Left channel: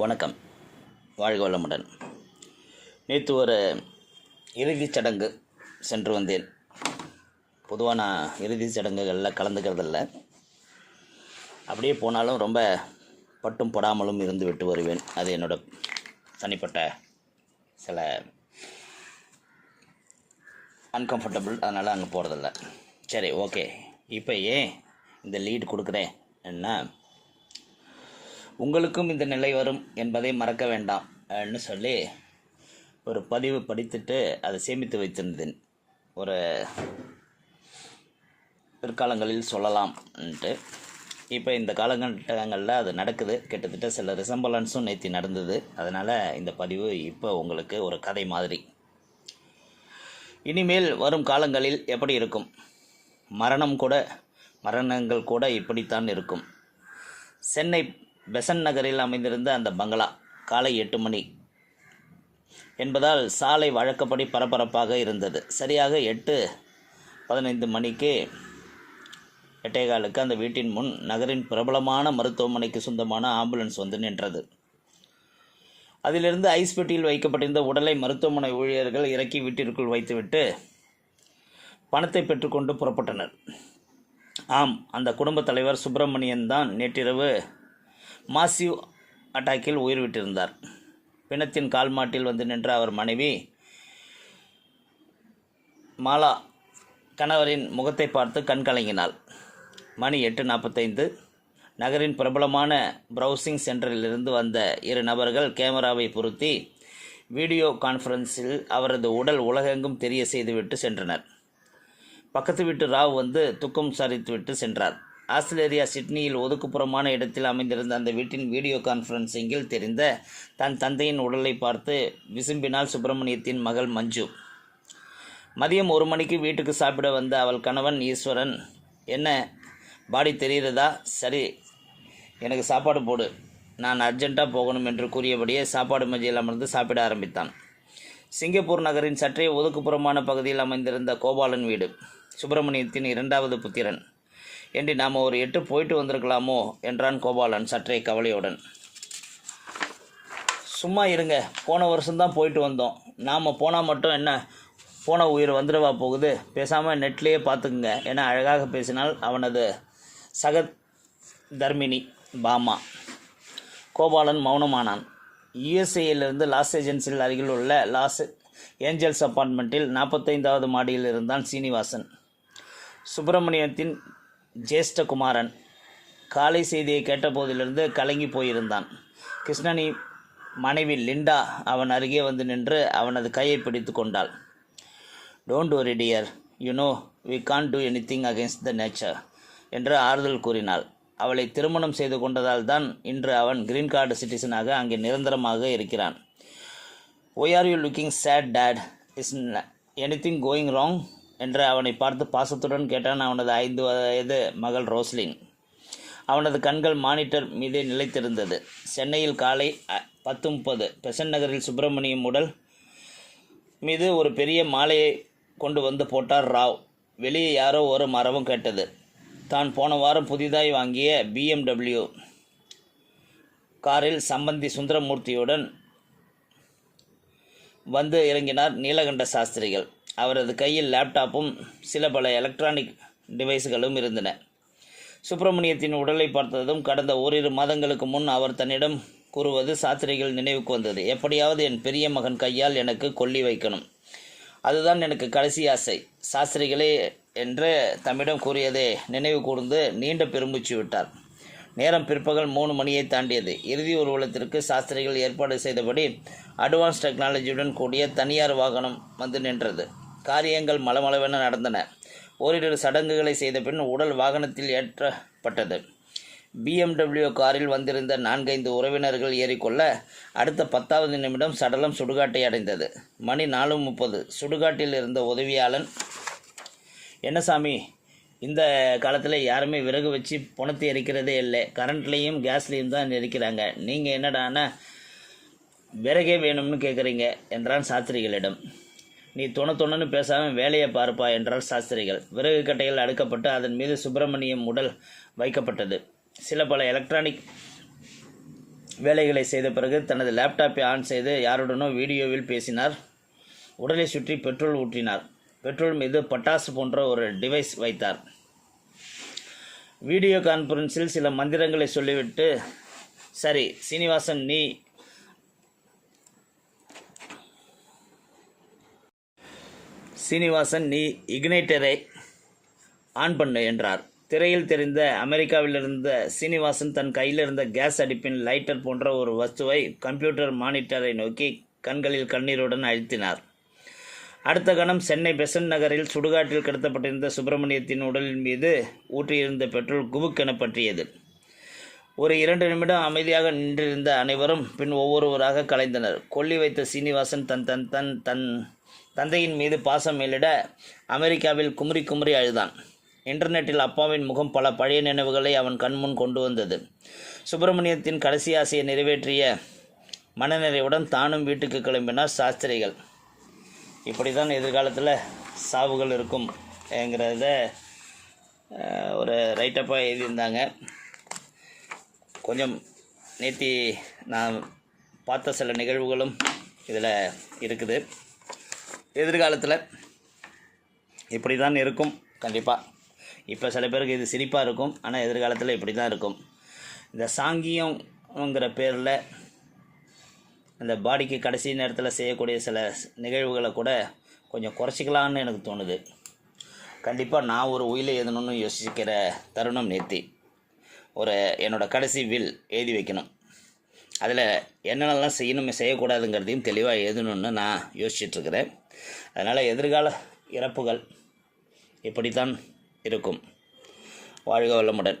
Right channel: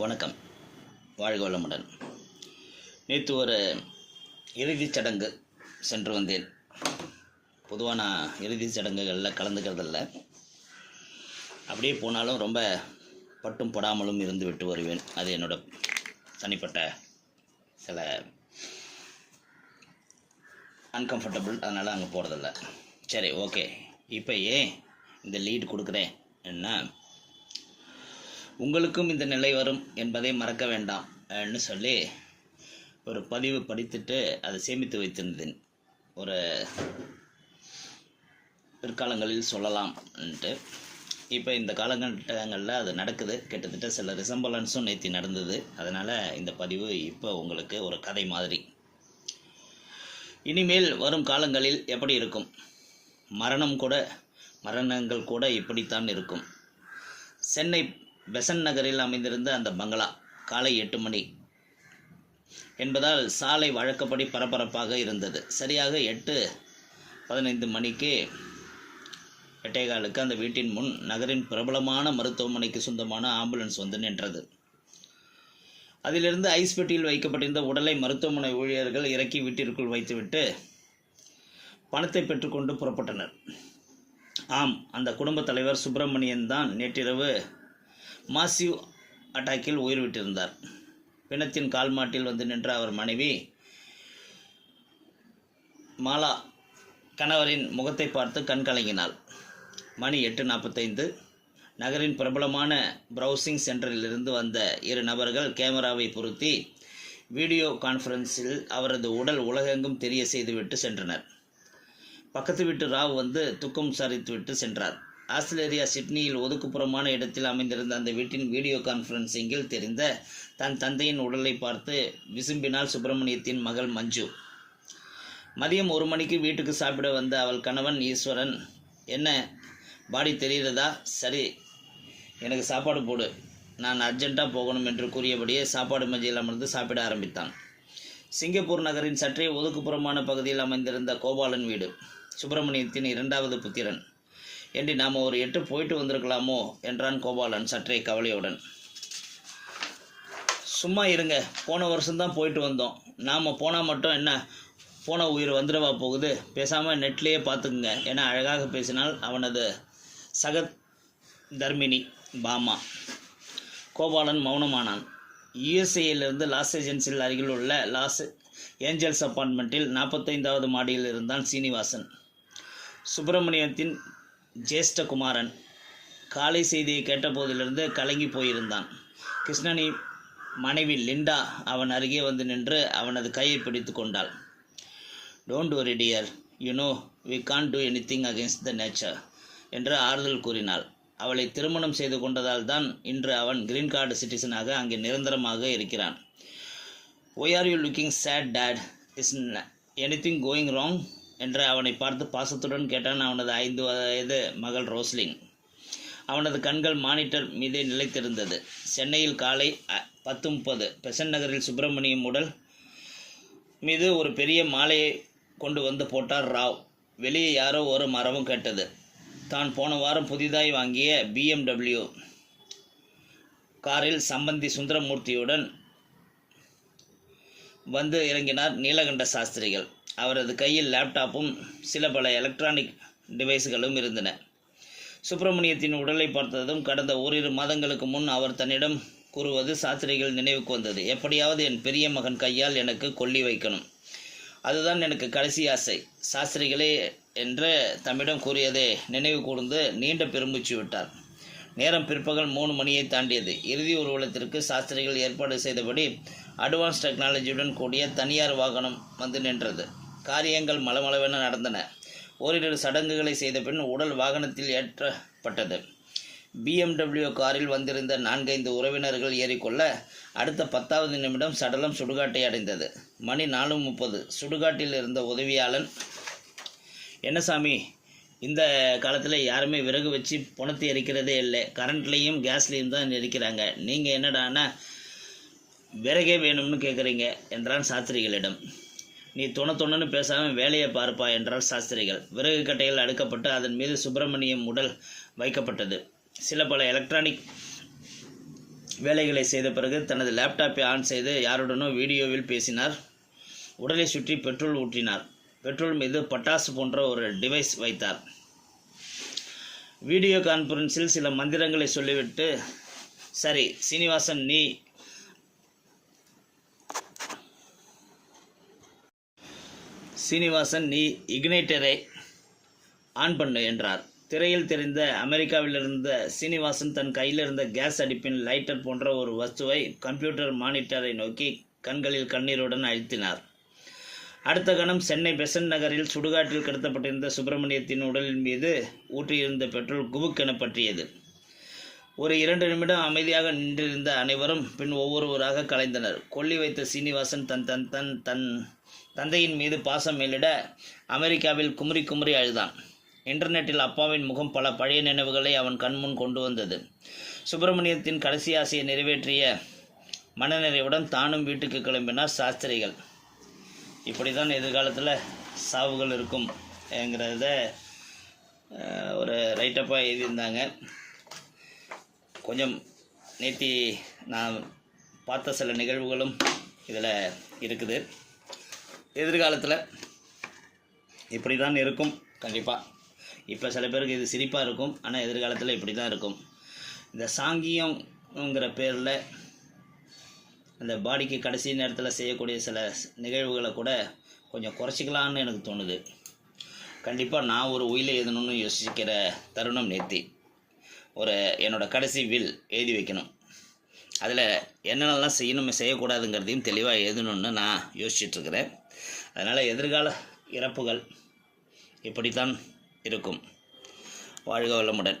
வணக்கம், வாழ்க வளமுடன். நேற்று ஒரு இறுதிச் சடங்கு சென்று வந்தேன். பொதுவாக நான் இறுதிச் சடங்குகளில் கலந்துக்கிறதில்ல. அப்படியே போனாலும் ரொம்ப பட்டும் படாமலும் இருந்து விட்டு வருவேன். அது என்னோட தனிப்பட்ட சில அன்கம்ஃபர்டபுள், அதனால் அங்கே போகிறதில்ல. சரி, ஓகே. இப்போ ஏன் இந்த லீடு கொடுக்குறேன் என்ன, உங்களுக்கும் இந்த நிலை வரும் என்பதை மறக்க வேண்டாம்னு சொல்லி ஒரு பதிவு படித்துட்டு அதை சேமித்து வைத்திருந்தேன். ஒரு பிற்காலங்களில் சொல்லலாம்ன்ட்டு. இப்போ இந்த காலகட்டங்களில் அது நடக்குது. கிட்டத்தட்ட சில ரிசம்பலன்ஸும் நேற்று நடந்தது. அதனால் இந்த பதிவு இப்போ உங்களுக்கு ஒரு கதை மாதிரி. இனிமேல் வரும் காலங்களில் எப்படி இருக்கும், மரணங்கள் கூட இப்படித்தான் இருக்கும். சென்னை பெசன்ட் நகரில் அமைந்திருந்த அந்த பங்களா காலை 8 மணி என்பதால் சாலை வழக்கப்படி பரபரப்பாக இருந்தது. சரியாக 8:15 மணிக்கு 8:15 அந்த வீட்டின் முன் நகரின் பிரபலமான மருத்துவமனைக்கு சொந்தமான ஆம்புலன்ஸ் வந்து நின்றது. அதிலிருந்து ஐஸ் பெட்டியில் வைக்கப்பட்டிருந்த உடலை மருத்துவமனை ஊழியர்கள் இறக்கி வீட்டிற்குள் வைத்துவிட்டு பணத்தை பெற்றுக்கொண்டு புறப்பட்டனர். ஆம், அந்த குடும்ப தலைவர் சுப்பிரமணியன் தான் நேற்றிரவு மாசிவ் அட்டாக்கில் உயிர் விட்டிருந்தார். பிணத்தின் கால்மாட்டில் வந்து நின்ற அவர் மனைவி மாலா கணவரின் முகத்தை பார்த்து கண் கலங்கினாள். மணி 8:45. நகரின் பிரபலமான ப்ரௌசிங் சென்டரிலிருந்து வந்த 2 நபர்கள் கேமராவை பொருத்தி வீடியோ கான்ஃபரன்ஸில் அவரது உடல் உலகெங்கும் தெரிய செய்துவிட்டு சென்றனர். பக்கத்து வீட்டு ராவ் வந்து துக்கம் சரித்துவிட்டு சென்றார். ஆஸ்திரேலியா சிட்னியில் ஒதுக்குப்புறமான இடத்தில் அமைந்திருந்த அந்த வீட்டின் வீடியோ கான்ஃபரன்சிங்கில் தெரிந்த தன் தந்தையின் உடலை பார்த்து விசும்பினாள் சுப்பிரமணியத்தின் மகள் மஞ்சு. மதியம் 1 மணிக்கு வீட்டுக்கு சாப்பிட வந்த அவள் கணவன் ஈஸ்வரன், என்ன பாடி தெரிகிறதா, சரி எனக்கு சாப்பாடு போடு, நான் அர்ஜென்ட்டாக போகணும் என்று கூறியபடியே சாப்பாடு மேஜையில் அமர்ந்து சாப்பிட ஆரம்பித்தான். சிங்கப்பூர் நகரின் சற்றே ஒதுக்குப்புறமான பகுதியில் அமைந்திருந்த கோபாலன் வீடு. சுப்பிரமணியத்தின் 2வது புத்திரன். ஏண்டி, நாம் ஒரு 8 போயிட்டு வந்திருக்கலாமோ என்றான் கோபாலன் சற்றே கவலையுடன். சும்மா இருங்க, போன வருஷம்தான் போயிட்டு வந்தோம். நாம் போனால் மட்டும் என்ன போன உயிர் வந்துடவா போகுது, பேசாமல் நெட்லேயே பார்த்துக்குங்க என அழகாக பேசினாள் அவனது சக தர்மினி பாமா. கோபாலன் மௌனமானான். யுஎஸ்ஏயிலிருந்து லாஸ் ஏஞ்சல்ஸில் அருகில் உள்ள லாஸ் ஏஞ்சல்ஸ் அப்பார்ட்மெண்ட்டில் 45வது மாடியில் இருந்தான் சீனிவாசன், சுப்பிரமணியத்தின் ஜேஷ்ட குமாரன். காலை செய்தியை கேட்டபோதிலிருந்து கலங்கி போயிருந்தான். கிருஷ்ணனி மனைவி லிண்டா அவன் அருகே வந்து நின்று அவனது கையை பிடித்து கொண்டாள். Don't worry dear, you know we can't do anything against the nature என்று ஆறுதல் கூறினாள். அவளை திருமணம் செய்து கொண்டதால் தான் இன்று அவன் கிரீன் கார்டு சிட்டிசனாக அங்கே நிரந்தரமாக இருக்கிறான். Why are you looking sad dad, is anything going wrong என்று அவனை பார்த்து பாசத்துடன் கேட்டான் அவனது 5 வயது மகள் ரோஸ்லின். அவனது கண்கள் மானிட்டர் மீதே நிலைத்திருந்தது. சென்னையில் காலை 10:30 பெசன்ட் நகரில் சுப்பிரமணியம் உடல் மீது ஒரு பெரிய மாலையை கொண்டு வந்து போட்டார் ராவ். வெளியே யாரோ ஒரு மரபம் கேட்டது. தான் போன வாரம் புதிதாய் வாங்கிய BMW காரில் சம்பந்தி சுந்தரமூர்த்தியுடன் வந்து இறங்கினார் நீலகண்ட சாஸ்திரிகள். அவரது கையில் லேப்டாப்பும் சில பல எலக்ட்ரானிக் டிவைஸ்களும் இருந்தன. சுப்பிரமணியத்தின் உடலை பார்த்ததும் கடந்த ஓரிரு மாதங்களுக்கு முன் அவர் தன்னிடம் கூறுவது சாஸ்திரிகள் நினைவுக்கு வந்தது. எப்படியாவது என் பெரிய மகன் கையால் எனக்கு கொல்லி வைக்கணும், அதுதான் எனக்கு கடைசி ஆசை சாஸ்திரிகளே என்று தம்மிடம் கூறியதை நினைவு கூர்ந்து நீண்ட பெருமூச்சு விட்டார். நேரம் பிற்பகல் 3 மணியை தாண்டியது. இறுதி ஊர்வலத்திற்கு சாஸ்திரிகள் ஏற்பாடு செய்தபடி அட்வான்ஸ் டெக்னாலஜியுடன் கூடிய தனியார் வாகனம் வந்து நின்றது. காரியங்கள் மளமளவென நடந்தன. ஓரிரு சடங்குகளை செய்த பின் உடல் வாகனத்தில் ஏற்றப்பட்டது. BMW காரில் வந்திருந்த 4-5 உறவினர்கள் ஏறிக்கொள்ள அடுத்த 10வது நிமிடம் சடலம் சுடுகாட்டை அடைந்தது. மணி 4:30. சுடுகாட்டில் இருந்த உதவியாளன், என்ன சாமி, இந்த காலத்தில் யாருமே விறகு வச்சு புணத்தை எரிக்கிறதே இல்லை, கரண்ட்லேயும் கேஸ்லேயும் தான் எரிக்கிறாங்க, நீங்கள் என்னடானா விறகே வேணும்னு கேட்குறீங்க என்றான் சாஸ்திரிகளிடம். நீ தொணன்னு பேசாமல் வேலையை பார்ப்பா என்றால் சாஸ்திரிகள். விறகு கட்டைகள் அடுக்கப்பட்டு அதன் மீது சுப்பிரமணியம் உடல் வைக்கப்பட்டது. சில பல எலக்ட்ரானிக் வேலைகளை செய்த பிறகு தனது லேப்டாப்பை ஆன் செய்து யாருடனோ வீடியோவில் பேசினார். உடலை சுற்றி பெட்ரோல் ஊற்றினார். பெட்ரோல் மீது பட்டாசு போன்ற ஒரு டிவைஸ் வைத்தார். வீடியோ கான்ஃபரன்ஸில் சில மந்திரங்களை சொல்லிவிட்டு, சரி சீனிவாசன், நீ இக்னைட்டரை ஆன் பண்ணு என்றார். திரையில் தெரிந்த அமெரிக்காவிலிருந்த சீனிவாசன் தன் கையில் இருந்த கேஸ் அடுப்பின் லைட்டர் போன்ற ஒரு வஸ்துவை கம்ப்யூட்டர் மானிட்டரை நோக்கி கண்களில் கண்ணீருடன் அழுத்தினார். அடுத்த கணம் சென்னை பெசன்ட் நகரில் சுடுகாட்டில் கிடத்தப்பட்டிருந்த சுப்பிரமணியத்தின் உடலின் மீது ஊற்றியிருந்த பெட்ரோல் குபுக்கென பற்றியது. ஒரு 2 நிமிடம் அமைதியாக நின்றிருந்த அனைவரும் பின் ஒவ்வொருவராக கலைந்தனர். கொல்லி வைத்த சீனிவாசன் தன் தந்தையின் மீது பாசம் மேலிட அமெரிக்காவில் குமுறி குமுறி அழுதான். இன்டர்நெட்டில் அப்பாவின் முகம் பல பழைய நினைவுகளை அவன் கண்முன் கொண்டு வந்தது. சுப்பிரமணியத்தின் கடைசி ஆசையை நிறைவேற்றிய மனநிறைவுடன் தானும் வீட்டுக்கு கிளம்பினார் சாஸ்திரிகள். இப்படி தான் எதிர்காலத்தில் சாவுகள் இருக்கும் என்கிறத ஒரு ரைட்டப்பாக எழுதியிருந்தாங்க. கொஞ்சம் நேற்று நான் பார்த்த சில நிகழ்வுகளும் இதில் இருக்குது. எதிர்காலத்தில் இப்படி தான் இருக்கும் கண்டிப்பாக. இப்போ சில பேருக்கு இது சிரிப்பாக இருக்கும், ஆனால் எதிர்காலத்தில் இப்படி தான் இருக்கும். இந்த சாங்கியங்கிற பேரில் இந்த பாடிக்கு கடைசி நேரத்தில் செய்யக்கூடிய சில நிகழ்வுகளை கூட கொஞ்சம் குறைச்சிக்கலான்னு எனக்கு தோணுது. கண்டிப்பாக நான் ஒரு உயிலை எழுதணும்னு யோசிக்கிற தருணம் நேர்த்தி. என்னோடய கடைசி வில் எழுதி வைக்கணும். அதில் என்னென்னலாம் செய்யக்கூடாதுங்கிறதையும் தெளிவாக எழுதணும்னு நான் யோசிச்சுட்ருக்கிறேன். அதனால் எதிர்கால இறப்புகள் இப்படித்தான் இருக்கும். வாழ்க வளமுடன்.